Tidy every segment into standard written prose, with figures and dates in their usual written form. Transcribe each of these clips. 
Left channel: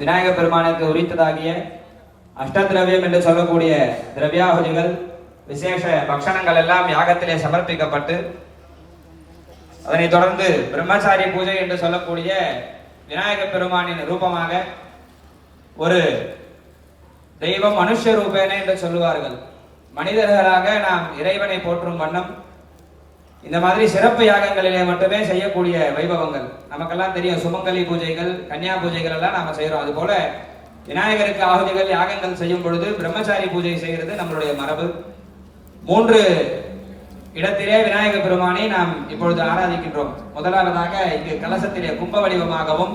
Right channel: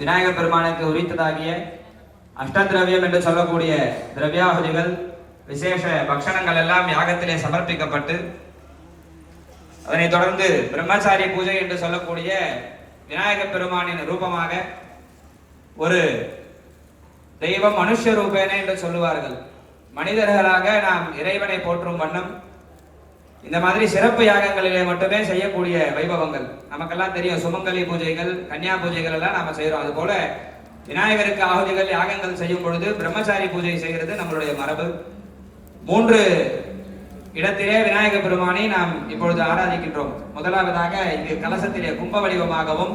விநாயகப் பெருமானுக்கு உரித்ததாகிய அஷ்டதிரவியம் என்று சொல்லக்கூடிய திரவியாகுதிகள் விசேஷ பக்ஷணங்கள் எல்லாம் யாகத்திலே சமர்ப்பிக்கப்பட்டு அதனைத் தொடர்ந்து பிரம்மச்சாரி பூஜை என்று சொல்லக்கூடிய விநாயகப் பெருமானின் ரூபமாக ஒரு தெய்வம் மனுஷ ரூபேன என்று சொல்லுவார்கள். மனிதர்களாக நாம் இறைவனை போற்றும் வண்ணம் இந்த மாதிரி சிறப்பு யாகங்களிலே மட்டுமே செய்யக்கூடிய வைபவங்கள் நமக்கெல்லாம் தெரியும். சுமங்கலி பூஜைகள், கன்னியா பூஜைகள் எல்லாம் நாம செய்யறோம். அது போல விநாயகருக்கு ஆகுதிகள் யாகங்கள் செய்யும் பொழுது பிரம்மச்சாரி பூஜை செய்கிறது நம்மளுடைய மரபு. 3 இடத்திலே விநாயக பெருமானை நாம் இப்பொழுது ஆராதிக்கின்றோம். முதலாவதாக இங்கு கலசத்திலே கும்ப வடிவமாகவும்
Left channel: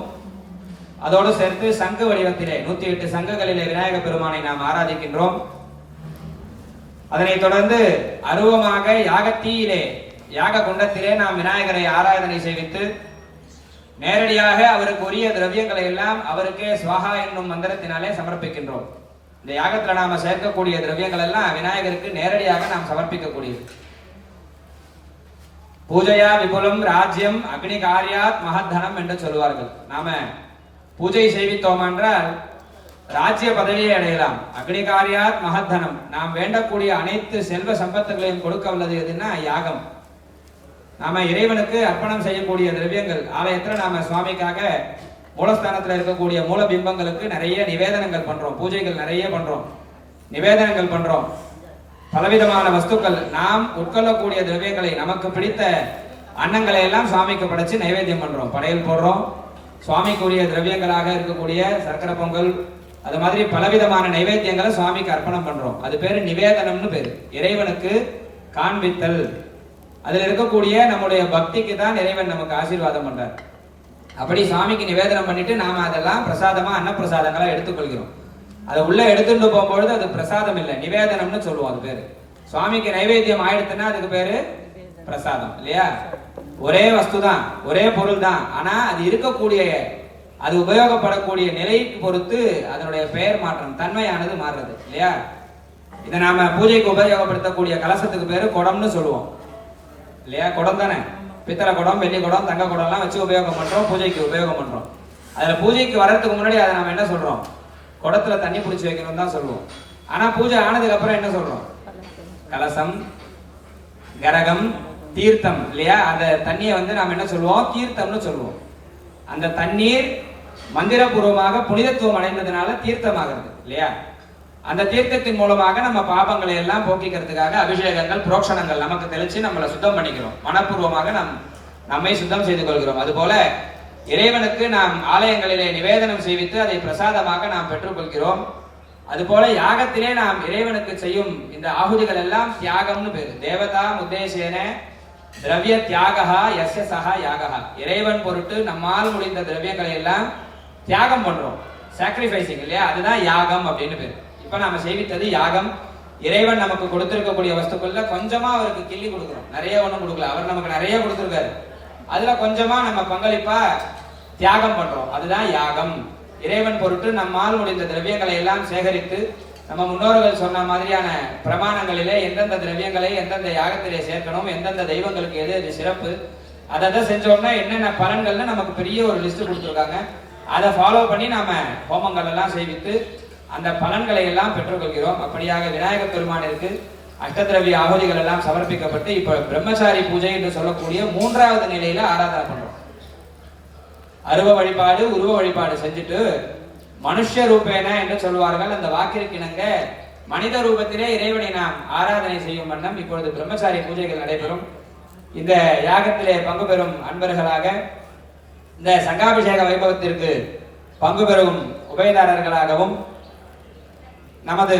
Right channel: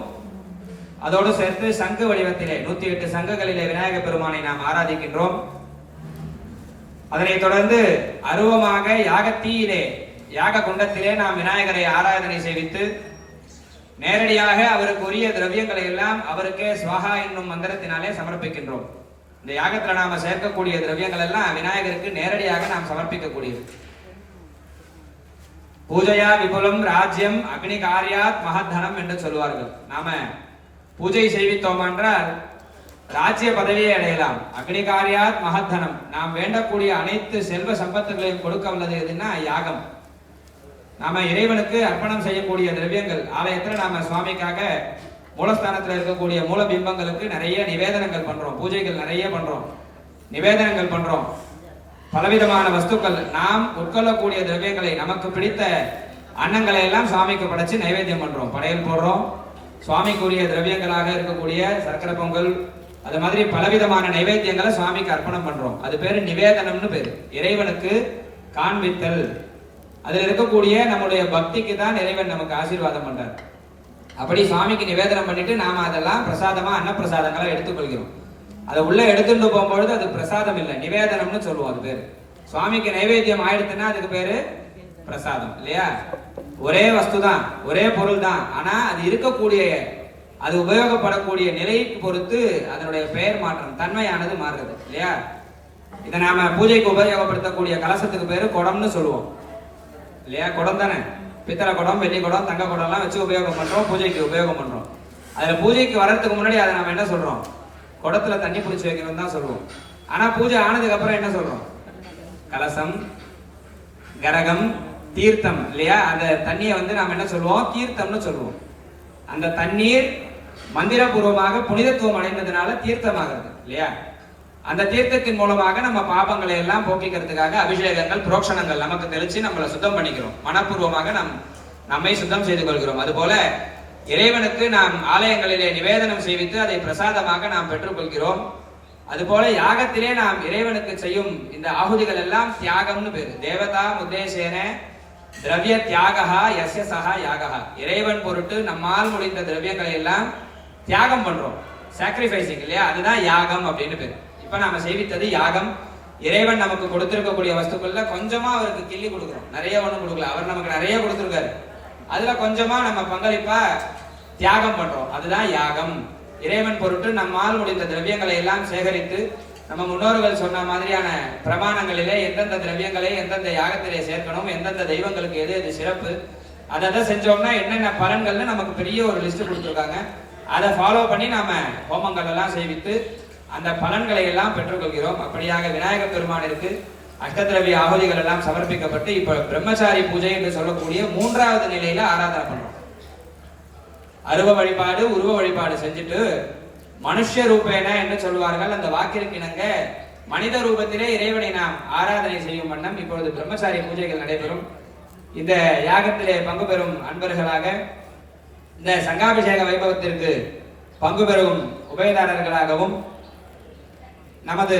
அதோடு சேர்த்து சங்கு வடிவத்திலே 108 சங்குகளிலே விநாயக பெருமானை நாம் ஆராதிக்கின்றோம். அதனைத் தொடர்ந்து அருவமாக யாகத்தீயிலே யாக குண்டத்திலே நாம் விநாயகரை ஆராதனை செய்வித்து நேரடியாக அவருக்கு உரிய திரவியங்களை எல்லாம் அவருக்கே ஸ்வாஹா என்னும் மந்திரத்தினாலே சமர்ப்பிக்கின்றோம். இந்த யாகத்துல நாம சேர்க்கக்கூடிய திரவியங்கள் எல்லாம் விநாயகருக்கு நேரடியாக நாம் சமர்ப்பிக்கக்கூடியது. பூஜையா விபுலம் ராஜ்யம் அக்னி காரியாத் மகத்தனம் என்று சொல்வார்கள். நாம பூஜை செய்வித்தோம் என்றால் ராஜ்ய பதவியை அடையலாம். அக்னி காரியாத் மகத்தனம், நாம் வேண்டக்கூடிய அனைத்து செல்வ சம்பத்துகளையும் கொடுக்க உள்ளது எதுன்னா யாகம். நாம இறைவனுக்கு அர்ப்பணம் செய்யக்கூடிய திரவியங்கள் ஆலயத்துல நாம சுவாமிக்காக மூலஸ்தானத்துல இருக்கக்கூடிய மூல பிம்பங்களுக்கு நிறைய நிவேதனங்கள் பண்றோம், பூஜைகள் நிறைய பண்றோம், நிவேதனங்கள் பண்றோம். பலவிதமான வஸ்துக்கள் நாம் உட்கொள்ளக்கூடிய திரவியங்களை நமக்கு பிடித்த அன்னங்களை எல்லாம் சுவாமிக்கு படைச்சு நைவேத்தியம் பண்றோம், படையல் போடுறோம். சுவாமிக்குரிய திரவியங்களாக இருக்கக்கூடிய சர்க்கரை பொங்கல் அது மாதிரி பலவிதமான நைவேத்தியங்களை சுவாமிக்கு அர்ப்பணம் பண்றோம். அது பேரு நிவேதனம்னு பேரு. இறைவனுக்கு காண்பித்தல். அதில் இருக்கக்கூடிய நம்முடைய பக்திக்கு தான் இறைவன் நமக்கு ஆசீர்வாதம் பண்றார். அப்படி சுவாமிக்கு நிவேதனம் பண்ணிட்டு நாம அதெல்லாம் பிரசாதமா அன்னப்பிரசாதங்களா எடுத்துக்கொள்கிறோம். அதை உள்ள எடுத்துட்டு போகும்பொழுது அது பிரசாதம் இல்லை, நிவேதனம்னு சொல்லுவோம். அது பேரு சுவாமிக்கு நைவேத்தியம் ஆயிடுத்துன்னா அதுக்கு பேரு பிரசாதம் இல்லையா? ஒரே வஸ்து தான், ஒரே பொருள் தான், ஆனா அது இருக்கக்கூடிய அது உபயோகப்படக்கூடிய நிலைக்கு பொறுத்து அதனுடைய பெயர் மாற்றம், தன்மையானது மாறுறது இல்லையா? இதை நாம பூஜைக்கு உபயோகப்படுத்தக்கூடிய கலசத்துக்கு பேரு குடம்னு சொல்லுவோம் இல்லையா? குடம் தானே, பித்தளை குடம், வெள்ளி குடம், தங்க குடம் எல்லாம் வச்சு உபயோகம் பண்றோம், பூஜைக்கு உபயோகம் பண்றோம். அதுல பூஜைக்கு வர்றதுக்கு முன்னாடி அதை நம்ம என்ன சொல்றோம்? குடத்துல தண்ணி பிடிச்சி வைக்கணும் தான் சொல்லுவோம். ஆனா பூஜை ஆனதுக்கு அப்புறம் என்ன சொல்றோம்? கலசம், கரகம், தீர்த்தம் இல்லையா? அந்த தண்ணியை நாம என்ன சொல்லுவோம்? தீர்த்தம்னு சொல்லுவோம். அந்த தண்ணீர் மந்திரபூர்வமாக புனிதத்துவம் அடைந்ததுனால தீர்த்தமாகிறது இல்லையா? அந்த தீர்த்தத்தின் மூலமாக நம்ம பாபங்களை எல்லாம் போக்கிக்கிறதுக்காக அபிஷேகங்கள், புரோக்ஷணங்கள் நமக்கு தெளிச்சு நம்மளை சுத்தம் பண்ணிக்கிறோம். மனப்பூர்வமாக நம்மை சுத்தம் செய்து கொள்கிறோம். அதுபோல இறைவனுக்கு நாம் ஆலயங்களிலே நிவேதனம் செய்வித்து அதை பிரசாதமாக நாம் பெற்றுக்கொள்கிறோம். அதுபோல யாகத்திலே நாம் இறைவனுக்கு செய்யும் இந்த ஆகுதிகள் எல்லாம் தியாகம்னு பேரு. தேவதா உத்தேசேன திரவிய தியாகா யஸ்ய சஹா யாகா. இறைவன் பொருட்டு நம்மால் முடிந்த திரவியங்களை எல்லாம் தியாகம் பண்றோம், சாக்ரிஃபைசிங் இல்லையா? அதுதான் யாகம் அப்படின்னு பேரு. இப்ப நாம செய்வித்தது யாகம். இறைவன் நமக்கு கொடுத்திருக்கக்கூடிய வஸ்துக்கள்ல கொஞ்சமா அவருக்கு கிள்ளி கொடுக்கிறோம், நிறைய ஒண்ணும் கொடுக்கல. அவர் நமக்கு நிறைய கொடுத்திருக்காரு, அதுல கொஞ்சமா நம்ம பங்களிப்பா தியாகம் பண்றோம். அதுதான் யாகம். இறைவன் பொருட்டு நம்மால் முடிந்த திரவியங்களை எல்லாம் சேகரித்து நம்ம முன்னோர்கள் சொன்ன மாதிரியான பிரமாணங்களிலே எந்தெந்த திரவியங்களை எந்தெந்த யாகத்திலே சேர்க்கணும், எந்தெந்த தெய்வங்களுக்கு எது எது சிறப்பு, அதை செஞ்சோம்னா என்னென்ன பலன்கள்னு நமக்கு பெரிய ஒரு லிஸ்ட் கொடுத்துருக்காங்க. அதை ஃபாலோ பண்ணி நாம ஹோமங்கள் எல்லாம் செய்வித்து அந்த பலன்களை எல்லாம் பெற்றுக்கொள்கிறோம். அப்படியாக விநாயகப் பெருமானிற்கு அஷ்டதிரவிய ஆகுதிகள் எல்லாம் சமர்ப்பிக்கப்பட்டு இப்ப பிரம்மச்சாரி பூஜை என்று சொல்லக்கூடிய 3வது நிலையில ஆராதனை பண்றோம். அருவ வழிபாடு, உருவ வழிபாடு செஞ்சுட்டு மனுஷ ரூபேன என்று சொல்வார்கள். அந்த வாக்கிற்கு இணங்க மனித ரூபத்திலே இறைவனை நாம் ஆராதனை செய்யும் வண்ணம் இப்பொழுது பிரம்மச்சாரி பூஜைகள் நடைபெறும். இந்த யாகத்திலே பங்கு பெறும் அன்பர்களாக, இந்த சங்காபிஷேக வைபவத்திற்கு பங்கு பெறும் உபயதாரர்களாகவும் நமது